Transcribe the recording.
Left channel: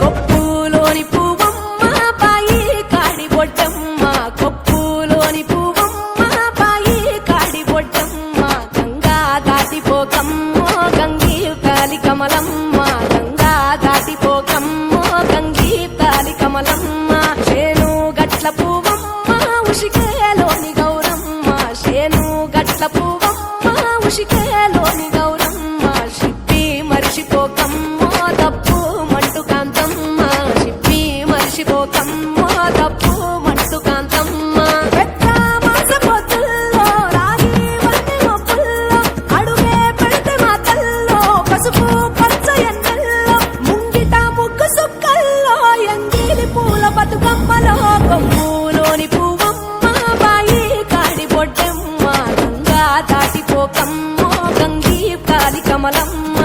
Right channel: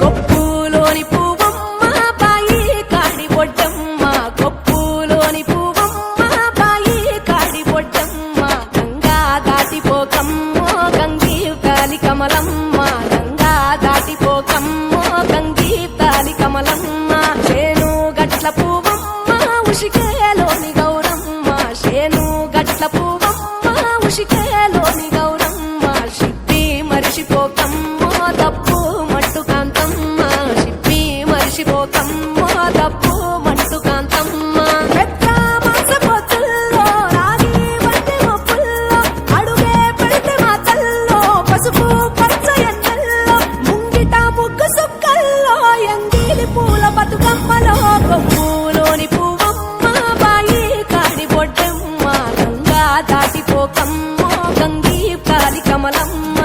కొప్పులోని పువ్వమ్మ బాయి కాడి బొడ్డమ్మ, కొప్పులోని పువ్వమ్మ బాయి కాడి బొడ్డమ్మ, గంగా దాటిపోకమ్మో గంగీ తాలి కమలమ్మ, గంగా దాటిపోకమ్మో గంగీ తాలి కమలమ్మ, శేను గట్ల పువ్వమ్మ ఉషికేలోని గౌరమ్మ, శేను గట్ల పువ్వమ్మ ఉషికేలోని గౌరమ్మ, షిప్పి మరిషిపోకమ్మో తప్పు మంటు కాంతమ్మ, షిప్పి మరిషిపోకమ్మో తప్పు మంటు కాంతమ్మ, పెద్ద మాస పొత్తుల్లో రాగి వంటి మొప్పుల్లో అడుగే పెడితే మా తల్లో, పసుపు పచ్చ ఎన్నెల్లో ముంగిట ముగ్గు సుక్కల్లో, ఎంగిలి పూల బతుకమ్మలో కొమ్ములోని పువ్వమ్మ బాయి కాడి బొడ్డమ్మ, గంగా దాటిపోకమ్మో గంగీ తాలి కమలమ్మ.